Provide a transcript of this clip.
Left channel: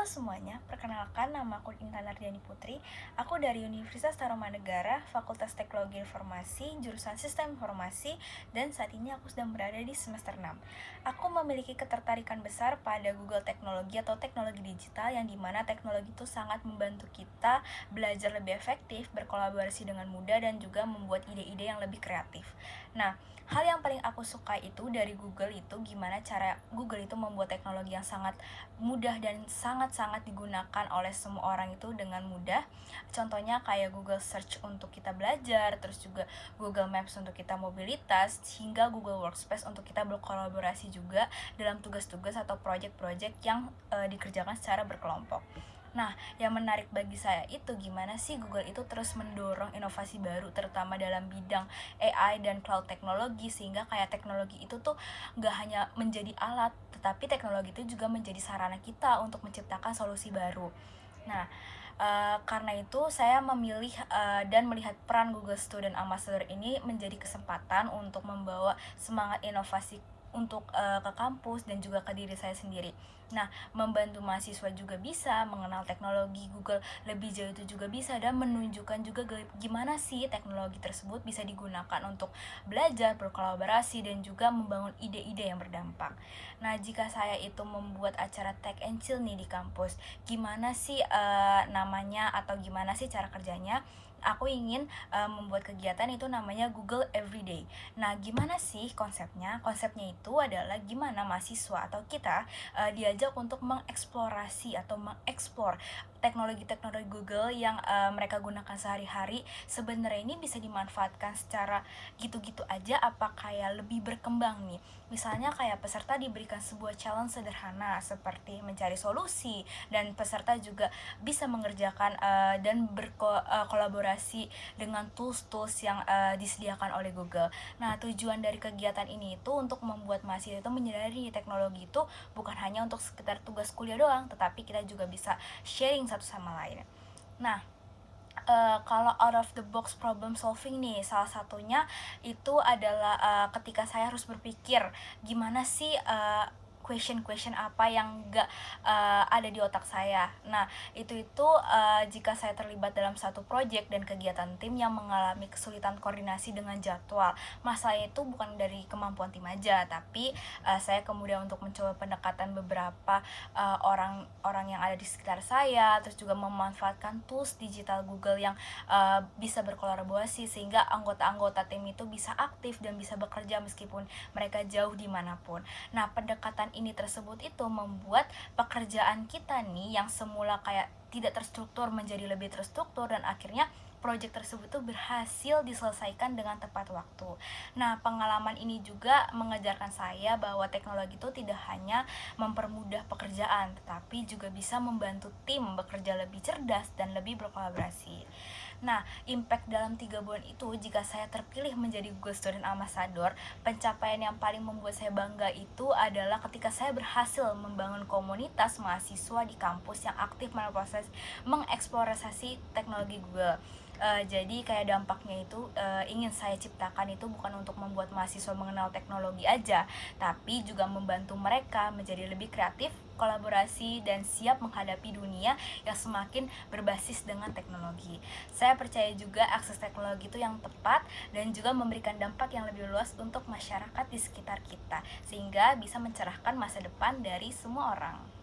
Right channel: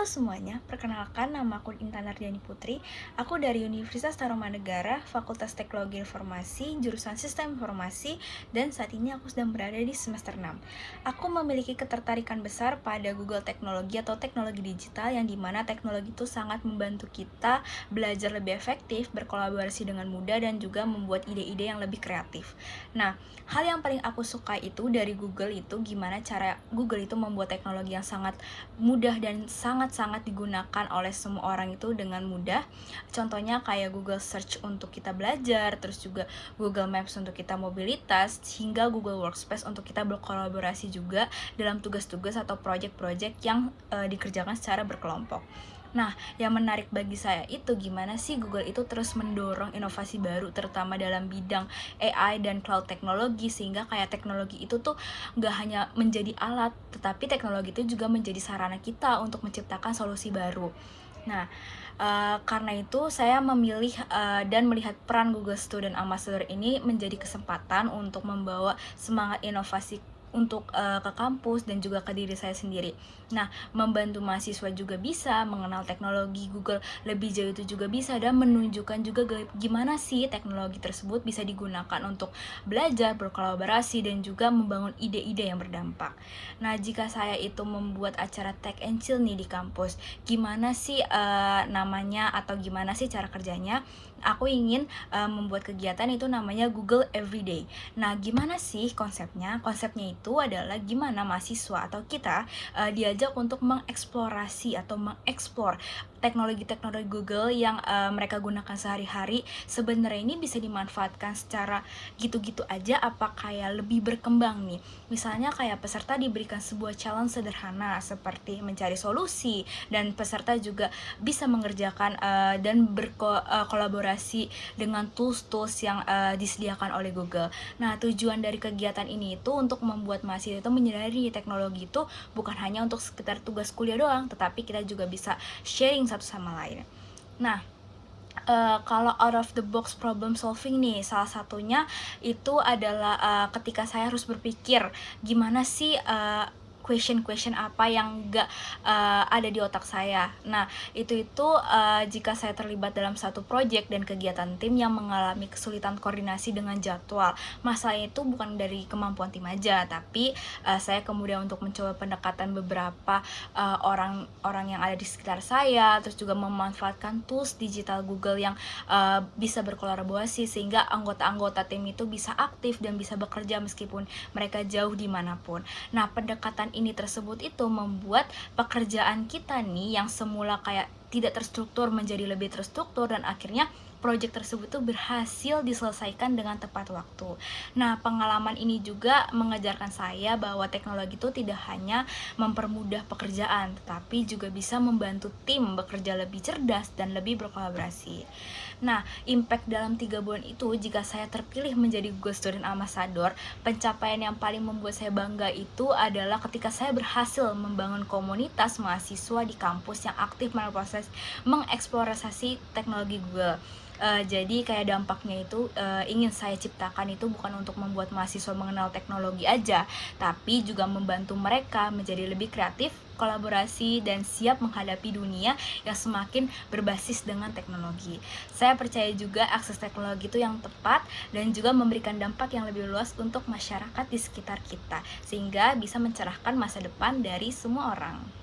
Halo semuanya, perkenalkan nama aku Intan Ardiani Putri. Aku dari Universitas Tarumanegara, Fakultas Teknologi Informasi, jurusan Sistem Informasi, dan saat ini aku sedang berada di semester 6. Aku memiliki ketertarikan besar pada Google Teknologi atau teknologi digital yang dimana teknologi itu sangat membantu kita belajar lebih efektif, berkolaborasi dengan mudah, dan juga membuat ide-ide yang lebih kreatif. Nah, hal yang paling aku suka itu dari Google itu gimana cara Google itu membuat teknologi yang sangat mudah dan sangat-sangat digunakan oleh semua orang itu dengan mudah. Contohnya kayak Google Search untuk kita belajar, terus juga Google Maps untuk kita mobilitas, hingga Google Workspace untuk kita berkolaborasi juga dalam tugas-tugas atau project-project yang dikerjakan secara berkelompok. Nah, yang menarik bagi saya itu gimana sih Google itu terus mendorong inovasi baru terutama dalam bidang AI dan cloud teknologi, sehingga kayak teknologi itu tuh nggak hanya menjadi alat, tetapi teknologi itu juga menjadi sarana kita untuk menciptakan solusi baru. Nah, karena itu saya memilih dan melihat peran Google Student Ambassador ini menjadi kesempatan untuk membawa semangat inovasi untuk ke kampus dan juga ke diri saya sendiri. Nah, membantu mahasiswa juga bisa mengenal teknologi Google lebih jauh itu juga bisa, dan menunjukkan juga gimana sih teknologi tersebut bisa digunakan untuk belajar, berkolaborasi, dan juga membangun ide-ide yang berdampak. Nah, jika saya itu membuat acara Tech and Chill nih di kampus, gimana sih namanya atau gimana sih cara kerjanya? Aku ingin membuat kegiatan itu namanya Google Everyday. Nah, gimana sih konsepnya? Konsepnya itu adalah gimana mahasiswa atau kita diajak untuk mengeksplorasi atau mengeksplor teknologi-teknologi Google yang mereka gunakan sehari-hari. Sebenarnya ini bisa dimanfaatkan secara gitu-gitu aja apa kayak lebih berkembang nih. Misalnya kayak peserta diberikan sebuah challenge sederhana seperti mencari solusi, dan peserta juga bisa mengerjakan dan berkolaborasi dengan tools-tools yang disediakan oleh Google. Nah, tujuan dari kegiatan ini itu untuk membuat mahasiswa itu menyadari teknologi itu bukan hanya untuk sekitar tugas kuliah doang, tetapi kita juga bisa sharing satu sama lain. Nah, kalau out of the box problem solving nih, salah satunya itu adalah ketika saya harus berpikir gimana sih question apa yang gak ada di otak saya. Nah, itu jika saya terlibat dalam satu project dan kegiatan tim yang mengalami kesulitan koordinasi dengan jadwal. Masalahnya itu bukan dari kemampuan tim aja, tapi saya kemudian untuk mencoba pendekatan beberapa orang-orang yang ada di sekitar saya, terus juga memanfaatkan tools digital Google yang bisa berkolaborasi sehingga anggota-anggota tim itu bisa aktif dan bisa bekerja meskipun mereka jauh dimanapun. Nah, pendekatan ini tersebut itu membuat pekerjaan kita nih yang semula kayak tidak terstruktur menjadi lebih terstruktur, dan akhirnya proyek tersebut tuh berhasil diselesaikan dengan tepat waktu. Nah, pengalaman ini juga mengajarkan saya bahwa teknologi itu tidak hanya mempermudah pekerjaan, tetapi juga bisa membantu tim bekerja lebih cerdas dan lebih berkolaborasi. Nah, impact dalam 3 bulan itu jika saya terpilih menjadi Google Student Ambassador, pencapaian yang paling membuat saya bangga itu adalah ketika saya berhasil membangun komunitas mahasiswa di kampus yang aktif proses mengeksplorasi teknologi Google. Jadi kayak dampaknya itu ingin saya ciptakan itu bukan untuk membuat mahasiswa mengenal teknologi aja, tapi juga membantu mereka menjadi lebih kreatif, kolaborasi, dan siap menghadapi dunia yang semakin berbasis dengan teknologi. Saya percaya juga akses teknologi itu yang tepat dan juga memberikan dampak yang lebih luas untuk masyarakat di sekitar kita, sehingga bisa mencerahkan masa depan dari semua orang.